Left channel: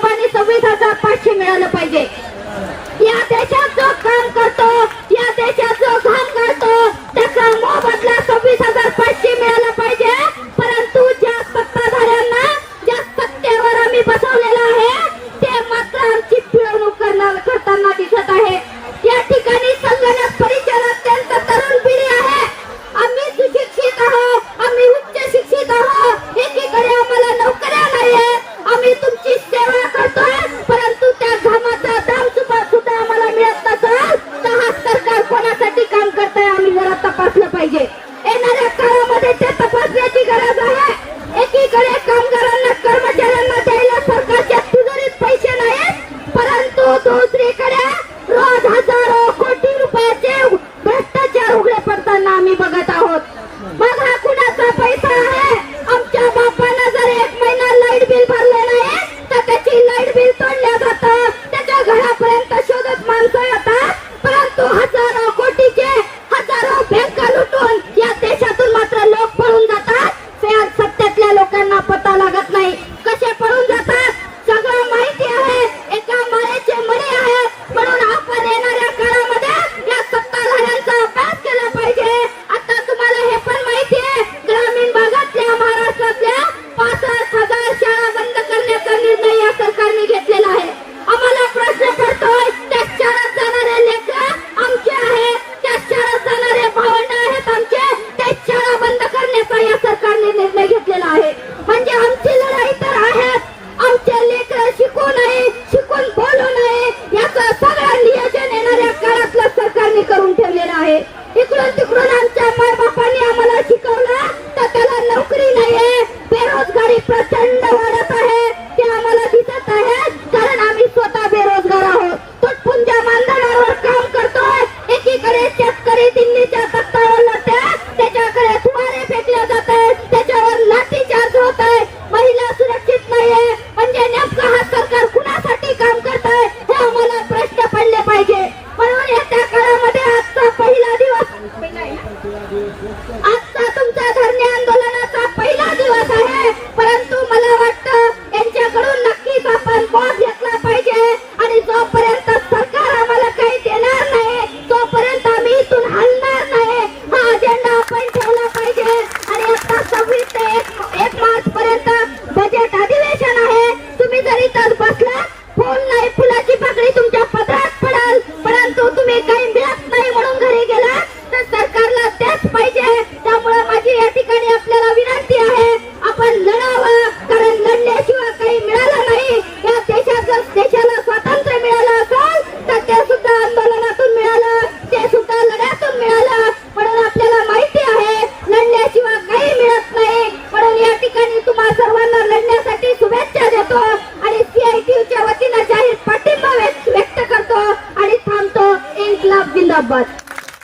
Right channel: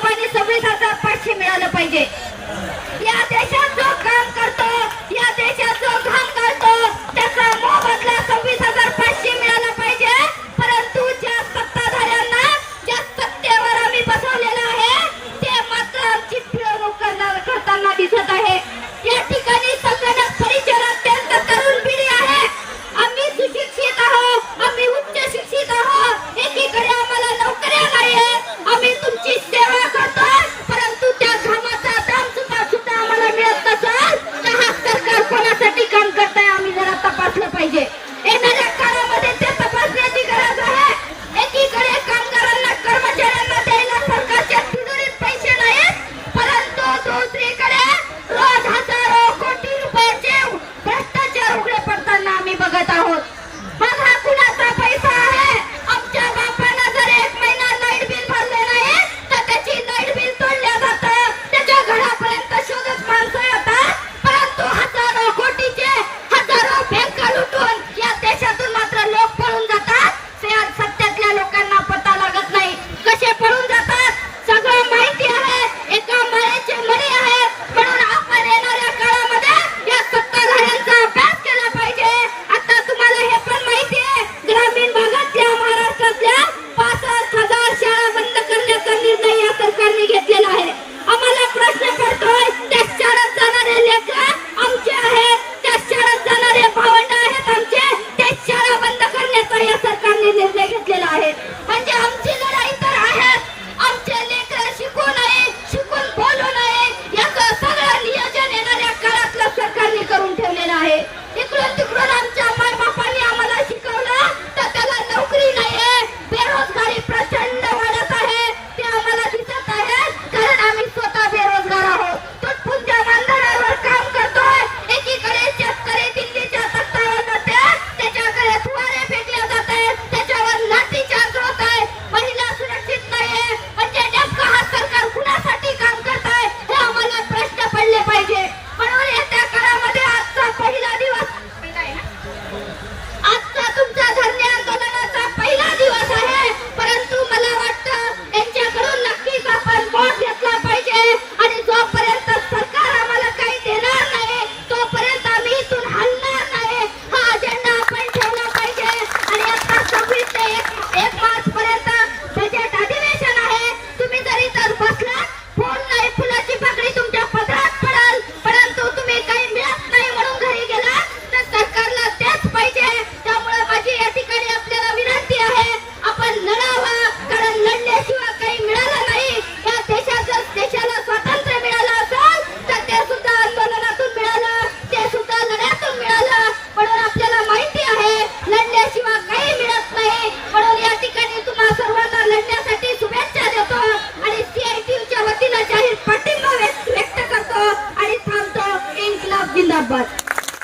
सर्वांनी सव्वीस हजार पाचशे मिळालं पाहिजे. या देशात जो काम करतो या देशात निर्णय घेतलेला आहे. म्हणजे आमची लढाई तर आहे आमचे लेकर शिकून आहे शिकून बोलून आहे याच सगळं नियोजन येणाऱ्या काळातलं सरकारने करून ठेवलेलं आहे. इकडून तिकडून आमच्या माय बापांनी आम्हाला शिकवलं तर त्याला नोकरी नाही आहे बेरोजगारी प्रचंड वाढत आहे. ते आम्हाला दिसत आहे कारण आम्ही स्वतः बेरोजगार आहोत. तो पुंजा मानधनावर काम करतोय. एकीकडे शेतकरी दिल्लीच्या नाही म्हणून घरी गेला. तर सरकारला त्याच पाहिजे. त्यामुळे माझी याची